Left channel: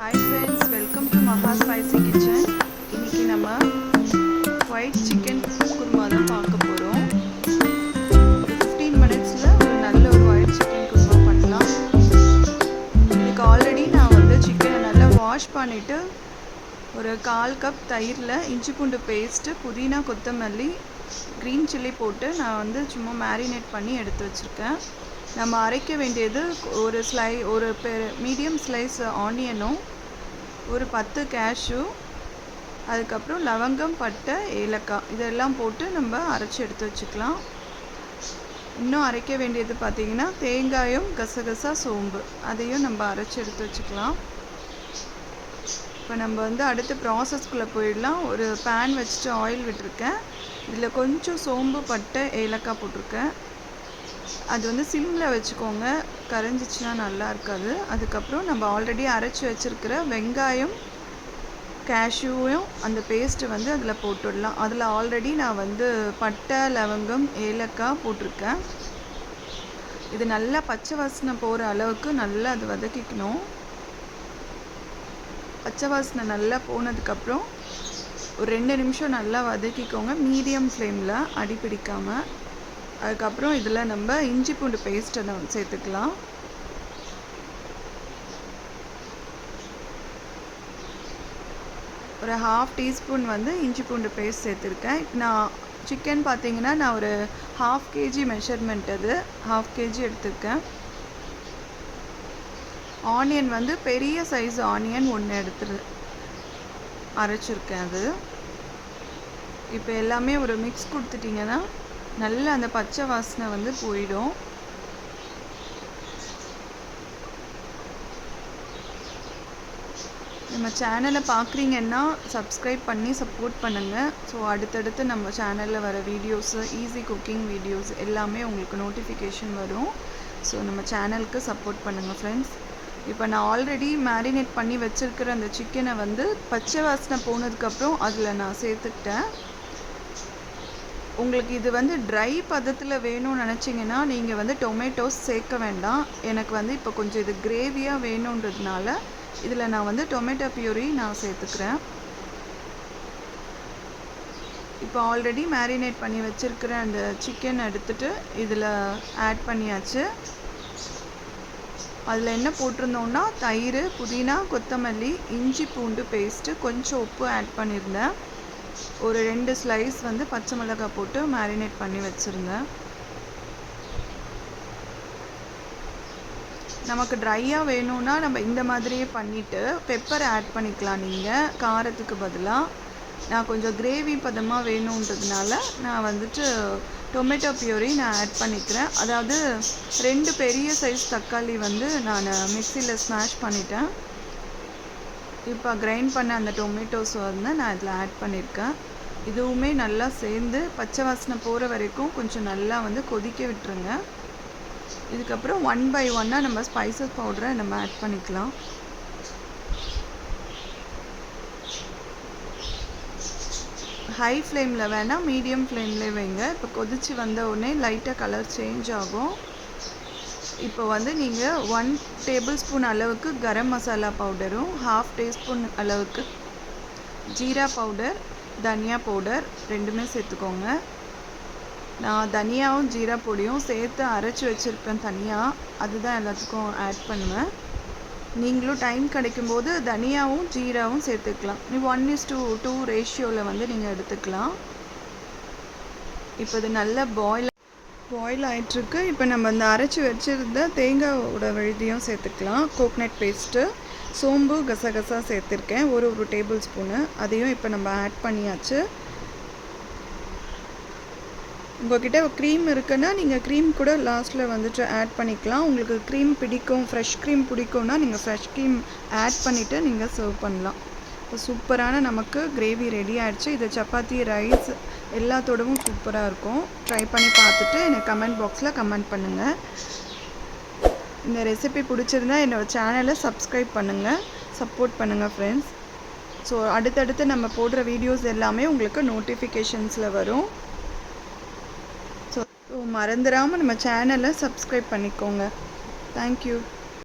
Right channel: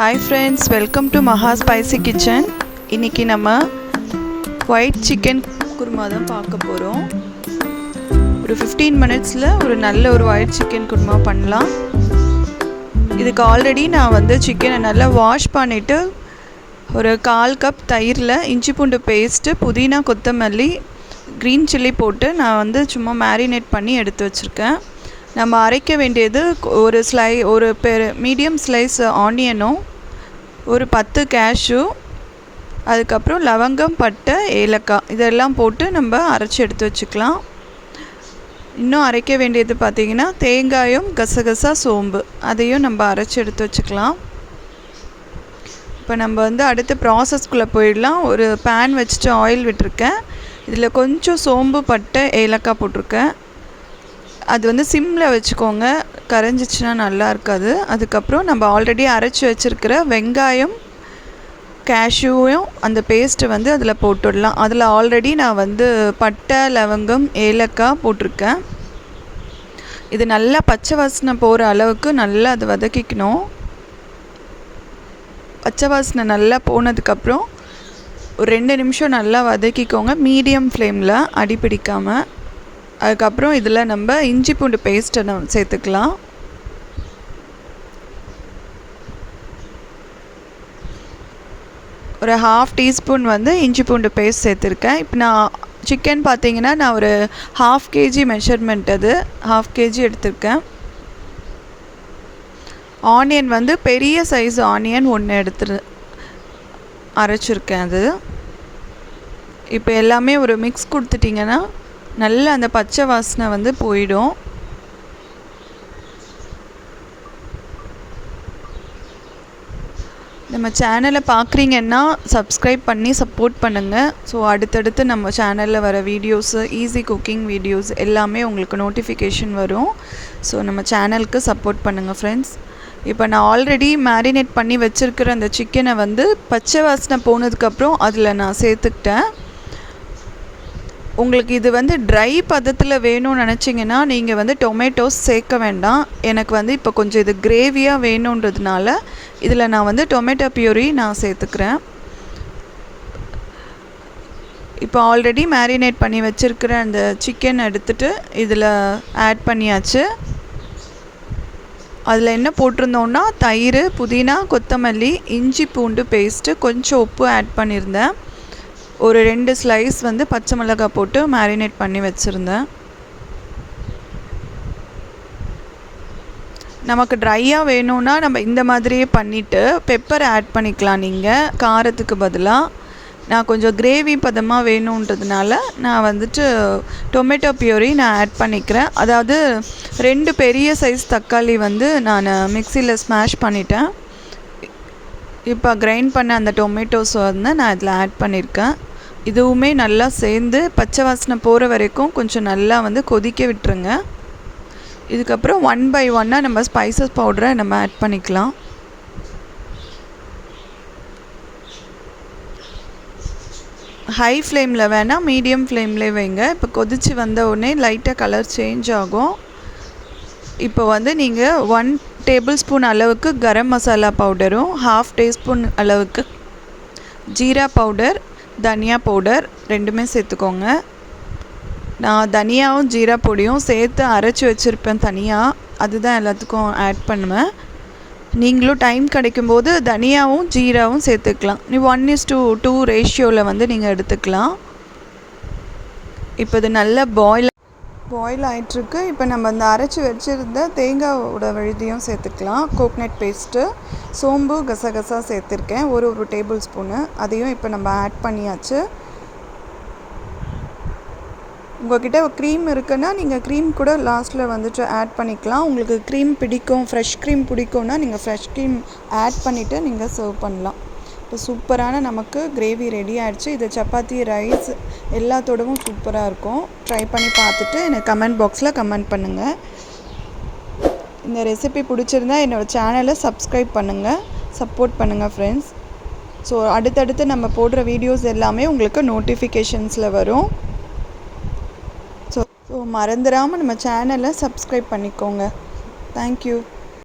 Hi friends, welcome to Maha Spicy Kitchen. இன்னைக்கு நம்ம white chicken kurma தான் பார்க்க போகிறோம். ஒரு 15 மினிட்ஸில் ஒரு நல்ல ஒரு ஒயிட் சிக்கன் குருமா பண்ணலாம். இதுக்கு ஆல்ரெடி நான் சிக்கனை நல்லா வாஷ் பண்ணிவிட்டு ஒரு 1/4 கப் தயிரில் இஞ்சி பூண்டு பேஸ்ட்டு, புதினா, கொத்தமல்லி, க்ரீன் சில்லி போட்டு நான் சும்மா மேரினேட் பண்ணி எடுத்து வச்சுருக்கேன். நம்ம அரைக்க வேண்டியது ஒரு மீடியம் ஸ்லைஸ் ஆனியனும், ஒரு 10 கேஷ்யூ, அதுக்கப்புறம் லவங்கம், பட்டை, ஏலக்காய் இதெல்லாம் போட்டு நம்ம அரைச்சி எடுத்து வச்சுக்கலாம். இன்னும் அரைக்க வேண்டியது பார்த்திங்கன்னா தேங்காயும், கசகசா, சோம்பு அதையும் நம்ம அரைச்சி எடுத்து வச்சுக்கலாம். இப்போ நம்ம அடுத்த ப்ராசஸ்குள்ளே போயிடலாம். ஒரு பேன் வச்சுட்டு ஆயில் விட்டுருக்கேன். இதில் கொஞ்சம் சோம்பு, பட்டை, ஏலக்காய் போட்டிருக்கேன். அது சிம்மில் வச்சுக்கோங்க, கரைஞ்சிச்சின்னா நல்லா இருக்காது. அதுக்கப்புறம் நம்ம ஆல்ரெடி அரைச்சி வச்சுருக்கிற வெங்காயம், கேஷ்யூவும் அந்த பேஸ்ட்டு அதில் போட்டுடலாம். அதில் ஆல்ரெடி நான் பட்டை, லவங்கம், ஏலக்காய் போட்டிருக்கேன். இது நல்லா பச்சை வாசனை போகிற அளவுக்கு நல்லா அதை வதக்கிக்கணும். பச்சை வாசனை நல்லா போனதுக்கப்புறம் ஒரு 2 நிமிஷம் நல்லா வதக்கிக்கோங்க, மீடியம் ஃப்ளேமில், அடி பிடிக்காமல். அதுக்கப்புறம் இதில் நம்ம இஞ்சி பூண்டு பேஸ்ட்டை சேர்த்துக்கலாம். ஒரு 1/2 டீஸ்பூன் இஞ்சி பூண்டு பேஸ்ட் சேர்த்துருக்கேன். இப்போ நான் சிக்கன் பார்த்திங்கன்னா நான் ஒரு 1/2 kg மெஷர்மெண்ட், அது 1/2 kg எடுத்திருக்கேன். ஆனியன் பெரிய சைஸ் ஆனியன் 1 அரைச்சிருக்கேன். அது இப்போ எல்லாமே ஒரு மிக்ஸ் கொடுத்துட்டிங்கன்னா நல்லா அந்த பச்சை வாசனை போயிடும். நம்ம சேனலை பார்க்குறீங்கன்னா சப்ஸ்கிரைப் பண்ணி சப்போர்ட் பண்ணுங்கள். ஸோ அடுத்தடுத்து நம்ம சேனலில் வர வீடியோஸு, ஈஸி குக்கிங் வீடியோஸ் எல்லாமே உங்களுக்கு நோட்டிஃபிகேஷன் வரும். ஸோ நம்ம சேனலுக்கு சப்போர்ட் பண்ணுங்கள் ஃப்ரெண்ட்ஸ். இப்போ நான் ஆல்ரெடி மேரினேட் பண்ணி வச்சுருக்கிற அந்த சிக்கனை பச்சை வாசனை போனதுக்கப்புறம் அதில் நான் சேர்த்துக்கிட்டேன். உங்களுக்கு இது ட்ரை பதத்தில் வேணும்னு நினச்சிங்கன்னா நீங்கள் டொமேட்டோஸ் சேர்க்க வேண்டாம். எனக்கு இப்போ கொஞ்சம் இது கிரேவியாக வேணுன்றதுனால இதில் நான் டொமேட்டோ பியூரி நான் சேர்த்துக்கிறேன். இப்போ ஆல்ரெடி மேரினேட் பண்ணி வச்சுருக்கிற அந்த சிக்கன் எடுத்துகிட்டு இதில் ஆட் பண்ணியாச்சு. அதில் என்ன போட்டிருந்தோன்னா தயிர், புதினா, கொத்தமல்லி, இஞ்சி பூண்டு பேஸ்ட்டு, கொஞ்சம் உப்பு ஆட் பண்ணியிருந்தேன். ஒரு 2 ஸ்லைஸ் பச்சை மிளகாய் போட்டு மேரினேட் பண்ணி வச்சுருந்தேன். நமக்கு ட்ரையாக வேணும்னா நம்ம இந்த மாதிரியே பண்ணிவிட்டு பெப்பர் ஆட் பண்ணிக்கலாம். நீங்கள் காரத்துக்கு பதிலாக நான் கொஞ்சம் கிரேவி பதமாக வேணுன்றதுனால நான் டொமேட்டோ பியூரி நான் ஆட் பண்ணிக்கிறேன். அதாவது 2 பெரிய சைஸ் தக்காளி நான் மிக்சியில் ஸ்மாஷ் பண்ணிட்டேன். இப்போ கிரைண்ட் பண்ண அந்த டொமேட்டோஸ் நான் இதில் ஆட் பண்ணியிருக்கேன். இதுவுமே நல்லா சேர்ந்து பச்சை வாசனை போகிற வரைக்கும் கொஞ்சம் நல்லா கொதிக்க விட்டுருங்க. இதுக்கப்புறம் 1 by 1 நம்ம ஸ்பைசஸ் பவுடரை நம்ம ஆட் பண்ணிக்கலாம். ஹை ஃப்ளேமில் வேணால் மீடியம் ஃப்ளேம்லேயே வைங்க. இப்போ கொதித்து வந்த உடனே லைட்டாக கலர் சேஞ்ச் ஆகும். இப்போ நீங்கள் 1 டேபிள் ஸ்பூன் அளவுக்கு கரம் மசாலா பவுடரும், 1/2 டீஸ்பூன் அளவுக்கு ஜீரா பவுடர், தனியா பவுடர் 2மே சேர்த்துக்கோங்க. நான் தனியாவும் ஜீரா பொடியும் சேர்த்து அரைச்சி வச்சுருப்பேன் தனியாக, அதுதான் எல்லாத்துக்கும் ஆட் பண்ணுவேன். நீங்களும் டைம் கிடைக்கும்போது தனியாவும் ஜீராவும் சேர்த்துக்கலாம். நீ 1:2 ரேஷியோவில் நீங்கள் எடுத்துக்கலாம். இப்போ இது நல்லா பாயில் ஆகிட்டுருக்கு. இப்போ நம்ம அரைச்சி வச்சுருந்த தேங்காயோட விழுதியும் சேர்த்துக்கலாம். கோக்னட் பேஸ்ட்டு, சோம்பு, கசகசா சேர்த்துருக்கேன் ஒரு டேபிள் ஸ்பூனு. அதையும் இப்போ நம்ம ஆட் பண்ணியாச்சு. உங்கள்கிட்ட க்ரீம் இருக்குன்னா நீங்கள் க்ரீம் கூட லாஸ்ட்டில் ஆட் பண்ணிக்கலாம். உங்களுக்கு க்ரீம் பிடிக்கும், ஃப்ரெஷ் க்ரீம் பிடிக்கும்னா நீங்கள் ஃப்ரெஷ் க்ரீம் ஆட் பண்ணிவிட்டு நீங்கள் சர்வ் பண்ணலாம். இப்போ சூப்பரான நமக்கு கிரேவி ரெடி ஆகிடுச்சு. இது சப்பாத்தி, ரைஸ் எல்லாத்தோடவும் சூப்பராக இருக்கும். ட்ரை பண்ணி பார்த்துட்டு எனக்கு கமெண்ட் பாக்ஸில் கமெண்ட் பண்ணுங்கள். இந்த ரெசிபி பிடிச்சிருந்தா என்னோடய சேனலை சப்ஸ்கிரைப் பண்ணுங்கள், சப்போர்ட் பண்ணுங்கள் ஃப்ரெண்ட்ஸ். ஸோ அடுத்தடுத்து நம்ம போடுற வீடியோஸ் எல்லாமே உங்களுக்கு நோட்டிஃபிகேஷன்ஸில் வரும். ஸோ மறந்துடாமல் நம்ம சேனலை சப்ஸ்கிரைப் பண்ணிக்கோங்க. தேங்க்யூ.